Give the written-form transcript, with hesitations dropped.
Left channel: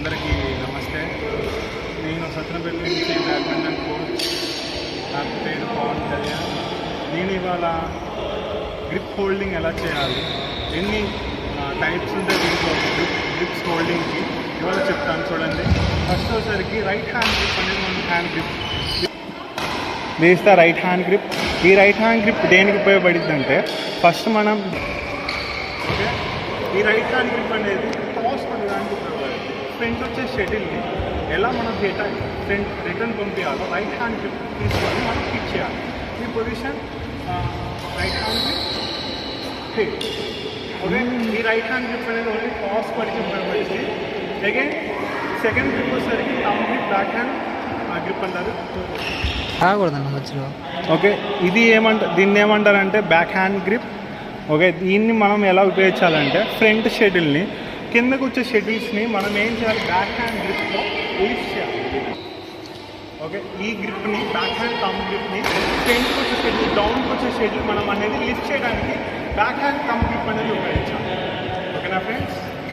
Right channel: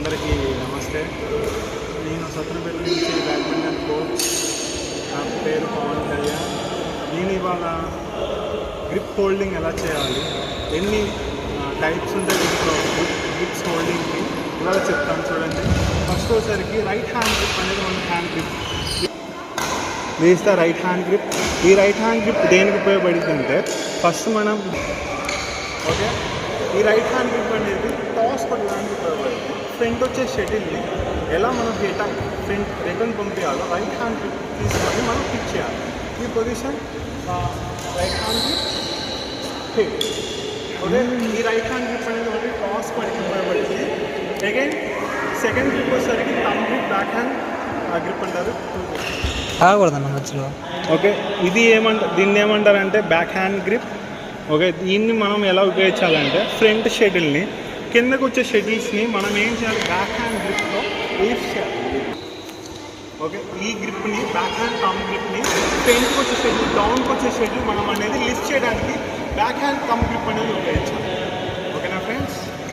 అందరికీ నమస్తే. నేను సత్రపేట నుంచి బ్యాడ్మింటన్ కోచ్. నా పేరు పవన్ కళ్యాణ్. నేను ఇవాళ గ్రిప్ హోల్డింగ్ ఎలా చేయాలి, ఎన్ని టైప్స్ ఉంటాయి గ్రిప్స్ హోల్డింగ్కి ఇవాళ చెప్తాను. చూడండి, ఫస్ట్ వచ్చేసరికి రైట్ హ్యాండ్ గ్రిప్ అనేది మన హ్యాండ్ గ్రిప్. వేస్తే రైట్ హ్యాండ్ గ్రిప్. ఈ రైట్ హ్యాండ్ గ్రిప్ దేనికి ఉపయోగపడుతుంది అంటే, ఫస్ట్ మనం ఓకే ఈ రైట్ హ్యాండ్ గ్రిప్ అనేది టాస్ పడడానికి ఉపయోగపడుతుంది. ఫ్రంట్ వచ్చే షటిల్ని ఎలా మనం ఫ్రంట్ రిటర్న్ పంపించాలో రైట్ హ్యాండ్ గ్రిప్ తీసుకొని మనం పిక్ చేయాలి. ఈ position right hand grip hit. Okay, ఈ రైట్ హ్యాండ్ గ్రిప్ అనేది ఓన్లీ టాస్ పడికి ఉపయోగపడుతుంది. అగైన్ సెకండ్ గ్రిప్ వచ్చేసరికి thumb grip, back hand grip అంటారు. ఆగకూడదన్న మధ్యలో. ఓకే, దీన్ని ఏమంటారంటే బ్యాక్ హ్యాండ్ గ్రిప్. ఓకే, దీన్ని మనం ఎలా ఉపయోగించాలంటే ఫ్రంట్ షటిల్ని, కిందకు వచ్చే షటిల్స్ని మనం ఏం చేయాలి, బ్యాక్ హ్యాండ్ గ్రిప్లో లిఫ్ట్ చేయాలి. ఓకే, ఈ గ్రిప్ని బ్యాక్ హ్యాండ్ థంబ్ గ్రిప్ని ఫ్రంట్కి వచ్చే షటిల్, డౌన్కి వచ్చే షటిల్ మనం అనేది లిఫ్ట్ చేయడానికి బ్యాక్ హ్యాండ్ థంబ్ గ్రిప్ అనేది ఉపయోగించాలి.